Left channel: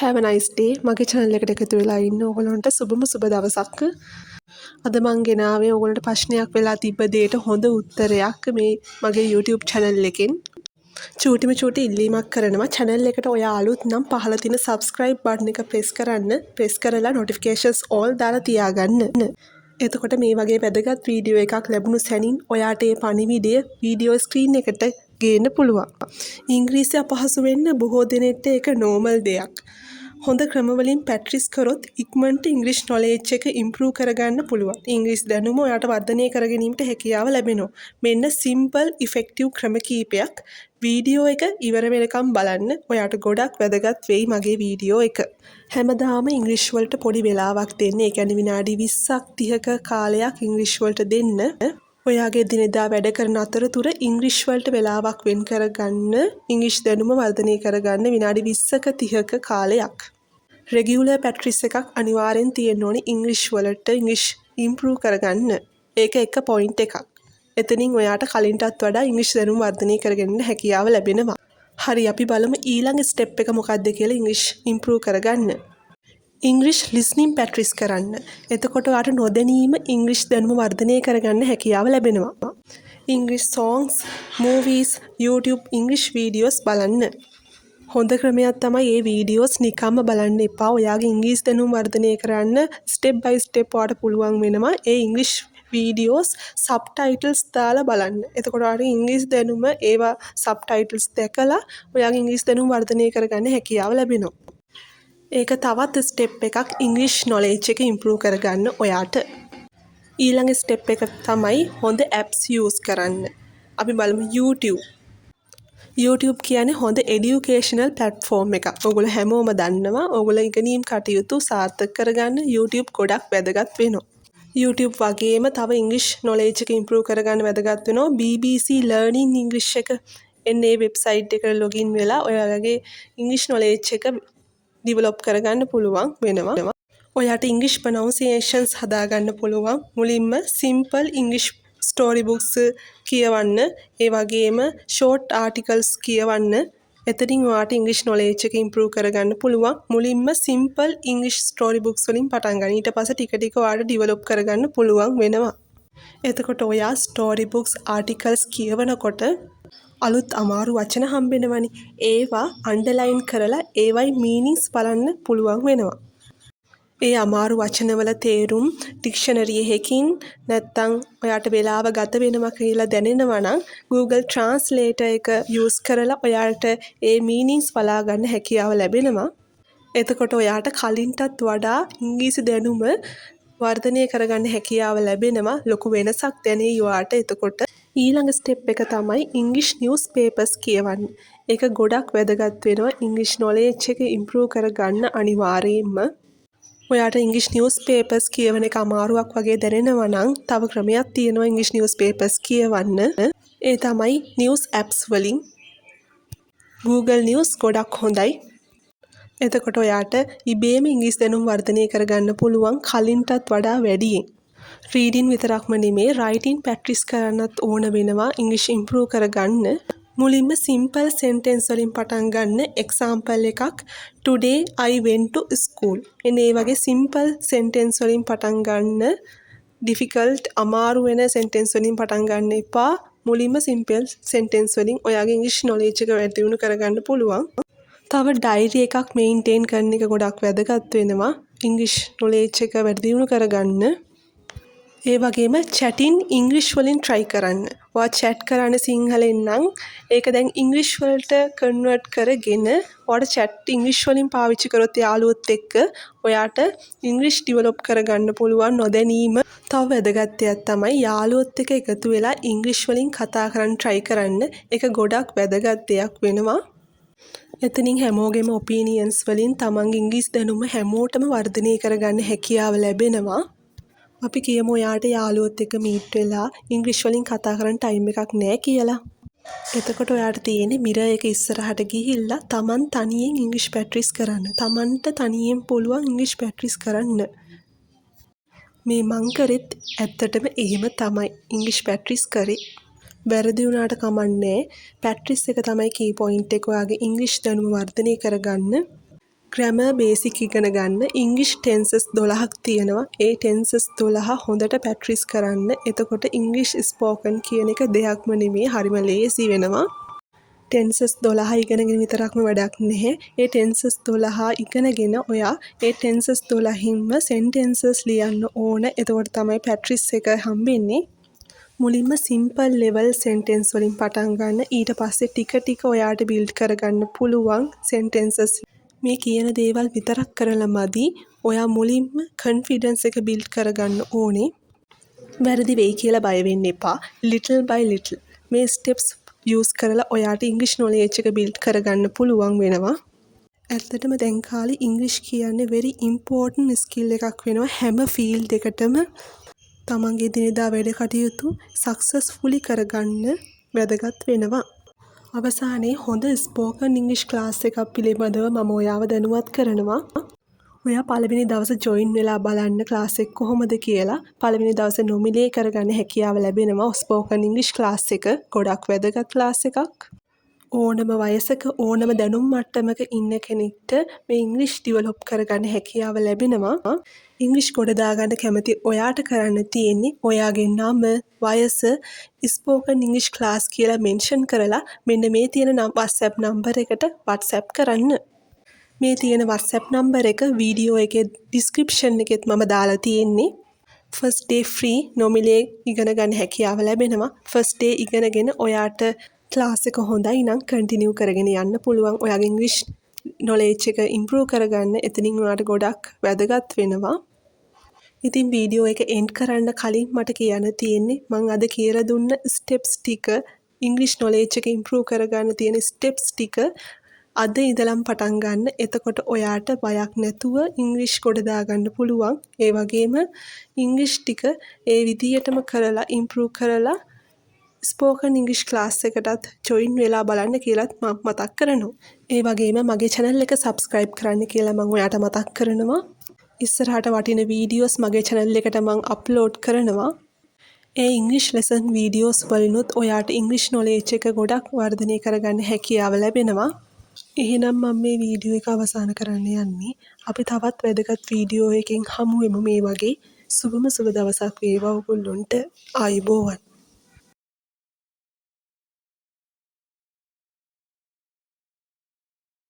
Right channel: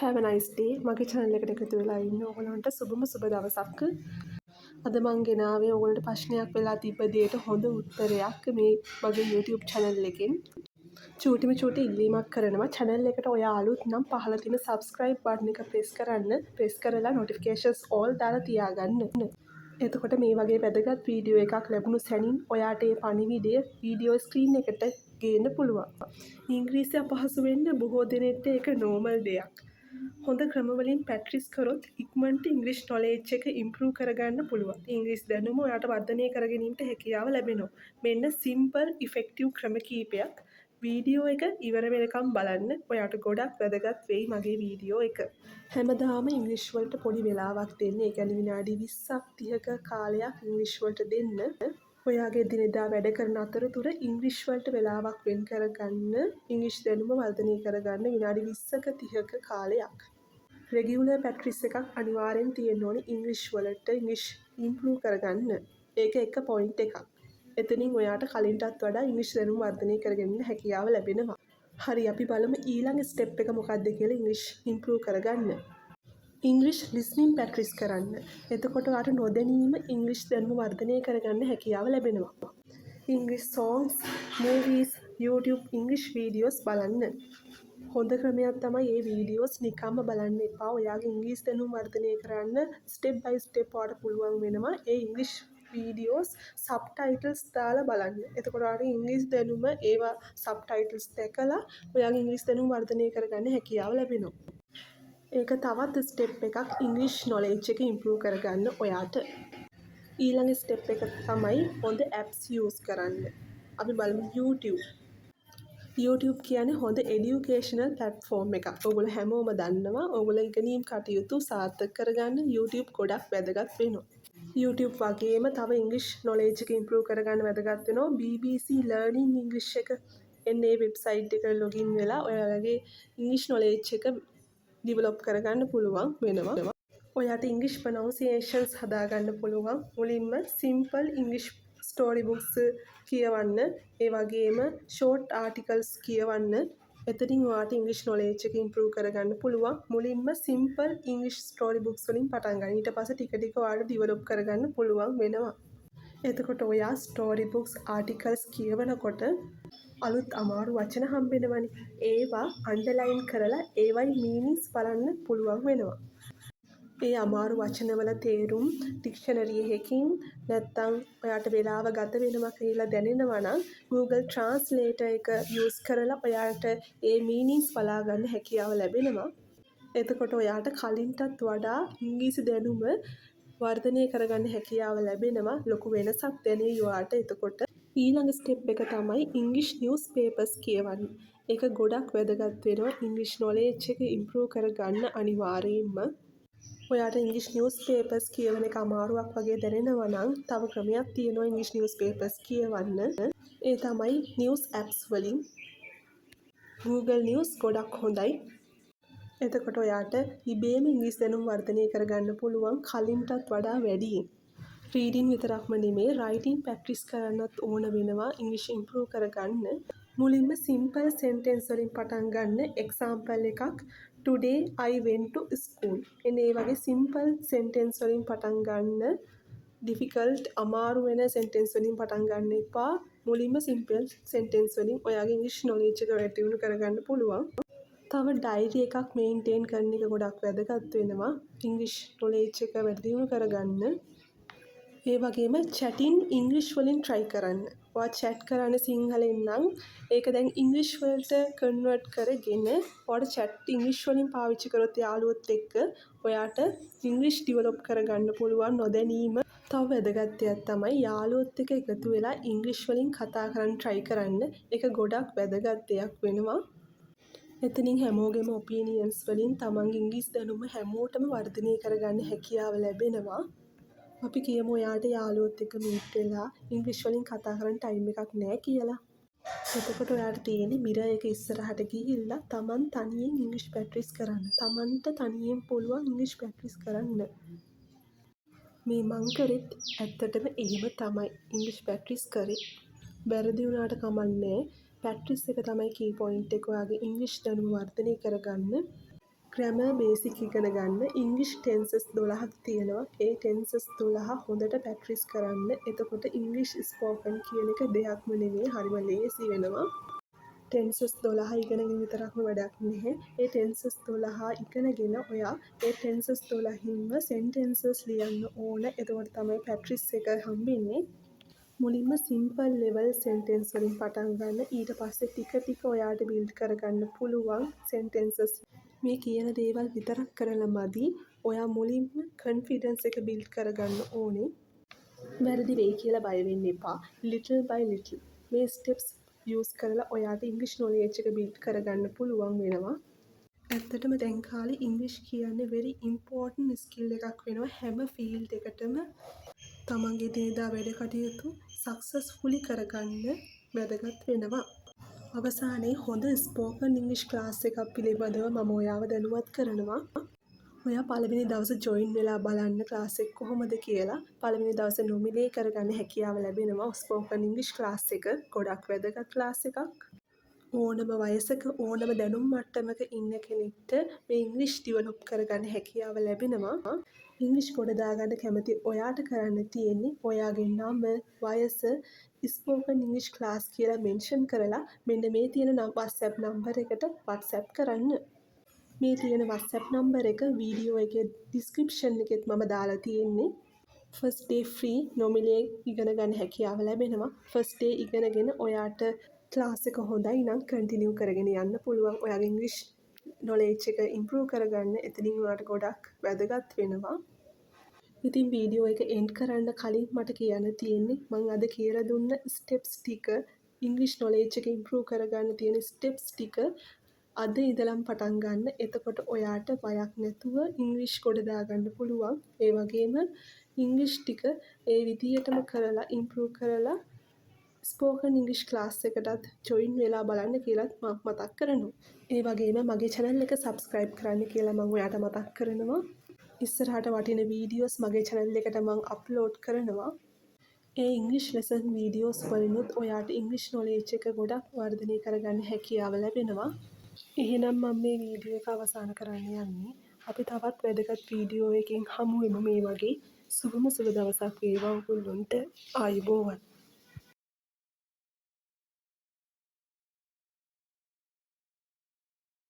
have a nice day. මගේ channel එකට එකතු වෙලා ඉන්න ඕගොල්ලන්ට සුබම සුබ දවසක්. අද මං ගෙනාවේ ඕගොල්ලන්ට ප්‍රශ්නයක් වෙලා තිබ්බ දෙයට හොඳ උත්තරයක් මේ මගේ YouTube channel එකෙන්. චූටිම චූටි ඉල්ලීමක් කරනවා channel එකට ඔයා අලුත් නම් පහළ තියෙන subscribe button එක press කරන්න. press කරලා notifications all දාලා තියාගන්න. එතකොට මේ වගේ වැදගත් වීඩියෝ එකක් ලැබුණු සැනින් ඔයාට ඒ පණිවිඩය වීඩියෝ ස්ක්‍රීන් එකට ගේන්න පුළුවන්. ඉංග්‍රීසි අපහසු වෙන්න බොහෝ දෙනෙක්ට ඒක normal දෙයක්. හොඳ ක්‍රමවලින් ප්‍රැක්ටිස් කරොත් ඉක්මනට ඉංග්‍රීසි knowledge එක improve කරගන්න පුළුවන්. ඉංග්‍රීසි දැනුම ඔයාට වර්ධනය කර ගැනීමට හැකියාව ලැබෙනවා. මෙන්න simple effective ක්‍රම කීපයක් වීඩියෝ එක ඉවර වෙනකම් බලන්න. ඔයාට ගොඩක් වැදගත් වෙයි මගේ වීඩියෝ එක. හැමදාම ඉංග්‍රීසි වලට පොඩි වෙලාවක් දෙන්න. ඒ කියන්නේ විනාඩි 20ක් 30ක කාලයක් ඉංග්‍රීසි වලට දෙන්න. ඔයාගේ දිනදා වැඩ කරන අතරතුර ඉංග්‍රීසි වලට වෙලාවක් වෙන් කරගන්න. ඉංග්‍රීසි දැනුම වර්ධනය කරගන්න විනාඩි 20ක 30ක කාලයක්. රෙගියුලර් ප්‍රැක්ටිස් එකක් අනිවාර්යෙන් තියෙන්න ඕනේ ඉංග්‍රීසි වලට ඉංග්‍රීසි ඉම්ප්‍රූව් කරගන්න. ඒක එක පොයින්ට් එකක්. එතනින් ඔයාට කලින්ටත් වඩා ඉංග්‍රීසි දැනුම වර්ධනය කරගන්න හැකියාව ලැබෙනවා. හරි අපි බලමු ඊළඟ ස්ටෙප් එක මොකක්ද කියලා ඉංග්‍රීසි ඉම්ප්‍රූව් කරගන්න. ඉංග්‍රීසි ලිස්නින් ප්‍රැක්ටිස් කරන්න. එතකොට ඔයාට නොදැනීම ඉංග්‍රීසි දැනුම වර්ධනය කරගන්න හැකියාව ලැබෙනවා. ඉංග්‍රීසි songs, movies, YouTube ඉංග්‍රීසි වීඩියෝස් බලන්න. හොඳ ක්‍රමයක් තමයි මේ වීඩියෝස් නිකම්ම බලන්න එපා. ඔයාගේ ඉංග්‍රීසි දැනුම වර්ධනය කරන්න ස්ටෙප් බයි ස්ටෙප් ඔයාට පුළුවන් වෙනවා. ඒ ඉංග්‍රීසි වීඩියෝස් සබ්ටයිටල්ස් දාලා බලන්න. එතකොට ඔයාට ඉංග්‍රීසි දැනුම ඒවා සබ්ටයිටල්ස් දැකලා ඔයාගේ ඉංග්‍රීසි දැනුම වර්ධනය කරගන්න හැකියාව ලැබෙනවා. ඒක තවත් ස්ටෙප් එකක් ඉංග්‍රීසි knowledge එක improve කරගන්න ඔයාට. ඊළඟ ස්ටෙප් එක තමයි හොඳ apps use කරන්න. අපි බලමු YouTube. YouTube කියන්නේ හොඳ educational platform එකක්. ඔයගොල්ලෝ හැමෝම දන්නවා. ඔයගොල්ලෝ ඉගෙනීම් කටයුතු සාර්ථක කරගන්න YouTube ගොඩක් වැදගත් වෙනවා. YouTube වගේම තව ඉංග්‍රීසි knowledge එක improve කරගන්න වැදගත් වෙනවා. BBC Learning English එක එන්නේ වෙබ්සයිට් එකට login වෙලා ඔයාලගේ ඉංග්‍රීසි knowledge එක develop කරගන්න පුළුවන් වෙනවා. ඔයාට English pronunciations හදාගන්න පුළුවන්. මුලින්ම simple English story books කියවන්න. ඒ වගේම short articles කියවන්න. එතනින් ඔයාට English knowledge එක improve කරගන්න පුළුවන්. මුලින්ම simple English story books වලින් පටන් ගන්න. ඊට පස්සේ ටික ටික ඔයාට develop කරගන්න පුළුවන් වෙනවා. එතකොට ඔයා story books articles කියවනකොට අලුත් අමාරු වචන හම්බෙනවනේ. ඒවා අන්ඩර්ලයින් කරලා ඒවයි මීනින්ග්ස් බලන්න පුළුවන් වෙනවා. ඒ අමාරු වචනවල තේරුම් ඩික්ෂනරි එකකින් නැත්තම් ඔයාට වෙලාව ගත වෙනවා කියලා දැනෙනවා නම් Google Translator එක use කරලා ඔයාට ඒ මීනින්ග්ස් බලා ගන්න හැකියාව ලැබෙනවා. එතකොට ඔයාට කලින්ටත් වඩා ඉංග්‍රීසි දැනුම වර්ධනය කරගන්න හැකියාව ලැබෙනවා. ලොකු වෙනසක් දැනෙයි ඔයාට. එතකොට ඊළඟ ස්ටෙප් එක තමයි ඉංග්‍රීසි නිවුස් පේපර්ස් කියවන්න. ඒක ගොඩක් වැදගත් වෙනවා ඉංග්‍රීසි knowledge එක improve කරගන්න අනිවාර්යයෙන්ම. ඔයාට ඉංග්‍රීසි නිවුස් පේපර්ස් කියවන එක අමාරුවක් වගේ දැනෙනවා නම් තව ක්‍රමයක් තියෙනවා ඉංග්‍රීසි නිවුස් පේපර්ස් කියවන්න. ඒ තමයි නිවුස් apps වලින්. Google News ගොඩක් හොඳයි. එතකොට ඔයාට ඉබේම ඉංග්‍රීසි දැනුම වර්ධනය කරගන්න පුළුවන් කලින්ටත් වඩා වැඩියෙන්. රීඩින් විතරක්ම නෙමේ රයිටින් ප්‍රැක්ටිස් කරන්නත් ඕන වෙනවා ඉංග්‍රීසි ඉම්ප්‍රූව් කරගන්න. මුලින්ම සිම්පල් සෙන්ටෙන්ස් වලින් පටන් ගන්න. එක්සාම්පල් එකක් today I went to school. එනේ වගේ සිම්පල් සෙන්ටෙන්ස් වලින් පටන් ගන්න. ඩිෆිකල්ට් අමාරු වෙන සෙන්ටෙන්ස් වලින් පටන් ගන්න එපා. මුලින්ම සිම්පල් සෙන්ටෙන්ස් වලින් ඔයාගේ ඉංග්‍රීසි knowledge එක වැඩි දියුණු කරගන්න පුළුවන්. තව ඩයරි එකක් මේන්ටේන් කරන එක ගොඩක් වැදගත් වෙනවා ඉංග්‍රීසි knowledge එක වැඩි දියුණු කරගන්න. ඒ වගේම chatting ඉංග්‍රීසි වලින් try කරන්න. ඔයා chat කරන්න සිංහලෙන් නම් ඒක දැන් ඉංග්‍රීසි වලට convert කරගෙන ඔයාට chat ඉංග්‍රීසි වලින් පාවිච්චි කරොත් යාළුවොත් එක්ක ඔයාට ඉංග්‍රීසි develop කරගන්න පුළුවන් නොදැනීම. තව වැදගත් දෙයක් තමයි යාළුවොත් එක්ක එකතු වෙලා ඉංග්‍රීසි වලින් කතා කරන්න try කරන්න. ඒක ගොඩක් වැදගත් දෙයක් වෙනවා. එතනින් හැමෝගෙම ඔපීනියන්ස් වලින් තමන්ගේ ඉංග්‍රීසි දැනුම හැමෝටම වර්ධනය කරගන්න හැකියාව ලැබෙනවා. අපි කියමු ඔයාට යාළුවොත් එක්ක මීට් වෙලා ඉංග්‍රීසි වලින් කතා කරන්න ටයිම් එකක් නැහැ කියලා. එතකොට ඔයාට තියෙන්නේ මිරර් එක ඉස්සරහට ගිහිල්ලා තමන් තනියෙන් ඉංග්‍රීසි ප්‍රැක්ටිස් කරන්න. තමන්ට තනියෙන් පුළුවන් ඉංග්‍රීසි ප්‍රැක්ටිස් කරන්න. මේ මං කරෙත් ඇත්තටම එහෙම තමයි ඉංග්‍රීසි ප්‍රැක්ටිස් කරේ. වැරදි වුණාට කමන්නේ. ප්‍රැක්ටිස් එක තමයි කී පොයින්ට් එක ඔයාගේ ඉංග්‍රීසි දැනුම වර්ධනය කරගන්න. ග්‍රැමර් බේසික් ඉගෙන ගන්න ඉංග්‍රීසි ටෙන්සස් 12ක් තියෙනවා. ඒ ටෙන්සස් 12 හොඳට ප්‍රැක්ටිස් කරන්න. එතකොට ඉංග්‍රීසි ස්පෝකන් කියන එක දෙයක්ම නෙමෙයි, හරිම ලේසි වෙනවා. ටෙන්සස් 12 ඉගෙනගෙන විතරක්ම වැඩක් නැහැ. ඒ ටෙන්සස් 12 ඉගෙනගෙන ඔයා ඒ ටෙන්සස් 12හින්ම සෙන්ටෙන්සස් ලියන්න ඕන. එතකොට තමයි ප්‍රැක්ටිස් එක හම්බෙන්නේ. මුලින්ම සිම්පල් ලෙවල් සෙන්ටෙන්ස් වලින් පටන් ගන්න. ඊට පස්සේ ටික ටික ඔයාට බිල්ඩ් කරගන්න පුළුවන් සෙන්ටෙන්සස්. මේ කියන දේවල් විතරක් කරලා මදි. ඔයා මුලින්ම කන්ෆිඩන්ස් එක බිල්ඩ් කරගන්න ඕනේ. වැරදි වෙයි කියලා බය වෙන්න එපා. ලිටල් බයි ලිටල් මේ ස්ටෙප්ස් යූස් කරලා ඔයාට ඉංග්‍රීසි නොලෙජ් එක බිල්ඩ් කරගන්න පුළුවන් වෙනවා. ඇත්තටම දැන් කාලේ ඉංග්‍රීසි කියන්නේ very important ස්කිල් එකක් වෙනවා. හැම ෆීල්ඩ් එකටම තමන්ගේ දිනදා වැඩ කටයුතු සක්සස්ෆුලි කරගන්න වැදගත් වෙනවා. අවසානයේ හොඳ ස්පෝකන් ඉංග්‍රීසි ක්ලාස් එකක් පිළිබඳව මම ඔයාව දැනුවත් කරනවා. ඔයා පළවෙනි දවසේ ජොයින් වෙලා බලන්න ක්ලාස් එක කොහොමද කියලා. පළවෙනි දවසේ නොමිලේ කරගන්න හැකියාව ලැබෙනවා. ස්පෝකන් ඉංග්‍රීසි ක්ලාස් එක ගොඩක් වැදගත් ක්ලාස් එකක්. ඕනම වයසක ඕනම දැනුම් මට්ටමක ඉන්න කෙනෙක්ට මේ ඉංග්‍රීසි ඩිවලොප් කරගන්න හැකියාව ලැබෙනවා. ඉංග්‍රීසි ගොඩ දාගන්න කැමති ඔයාට කරන්න තියෙන්නේ ඔයාගේ නම, වයස, ස්පෝකන් ඉංග්‍රීසි ක්ලාස් කියලා මෙන්ෂන් කරලා මෙන්න මේ තියෙන WhatsApp නම්බර එකට WhatsApp කරන්න. මේ තියෙන WhatsApp නම්බර එක වීඩියෝ එකේ ඩිස්ක්‍රිප්ෂන් එකෙත් මම දාලා තියෙන්නේ. ෆස්ට් ඩේ ෆ්‍රී නොමිලේ ඉගෙන ගන්න හැකියාව ලැබෙනවා. ෆස්ට් ඩේ ඉගෙනගෙන ඔයාට ක්ලාස් එක හොඳයි නම් කන්ටිනියු කරගෙන යන්න පුළුවන්. ඔයාගේ ඉංග්‍රීසි නොලෙජ් එක ඉම්ප්‍රූව් කරගන්න එතනින් ඔයාට ගොඩක් වැදගත් වෙනවා. ඉතින් වීඩියෝ එක එන්ඩ් කරන්න කලින් මට කියන්න තියෙන්නේ මම අද කියලා දුන්න ස්ටෙප්ස් ටික ඉංග්‍රීසි නොලෙජ් එක ඉම්ප්‍රූව් කරගන්න තියෙන ස්ටෙප්ස් ටික අද ඉඳලම පටන් ගන්න. එතකොට ඔයාට බයක් නැතුව ඉංග්‍රීසි ගොඩ දාගන්න පුළුවන්. ඒ වගේම ඉංග්‍රීසි ටික ඒ විදියටම කරලා ඉම්ප්‍රූව් කරලා ස්පෝකන් ඉංග්‍රීසි ක්ලාස් එකටත් ජොයින් වෙලා බලන්න කියලාත් මම මතක් කරනවා. ඒ වගේම මගේ channel එක subscribe කරන්න කියලා මම ඔයාට මතක් කරනවා. ඉස්සරහට වටින වීඩියෝස් මගේ channel එකට මම අප්ලෝඩ් කරනවා. ඒ ඉංග්‍රීසි ලෙසන් වීඩියෝස් වලිනුත් ඔයාට ඉංග්‍රීසි නොලෙජ් එක ගොඩක් වර්ධනය කරගන්න හැකියාව ලැබෙනවා. එහෙනම් මම මේ වීඩියෝ එක අවසන් කරන්න යන්නේ. අපි තවත් වැදගත් වීඩියෝ එකකින් හමු වෙමු මේ වගේ. සුබම සුබ දවසක් වේවා ඔයගොල්ලොන්ට. ආයුබෝවන්.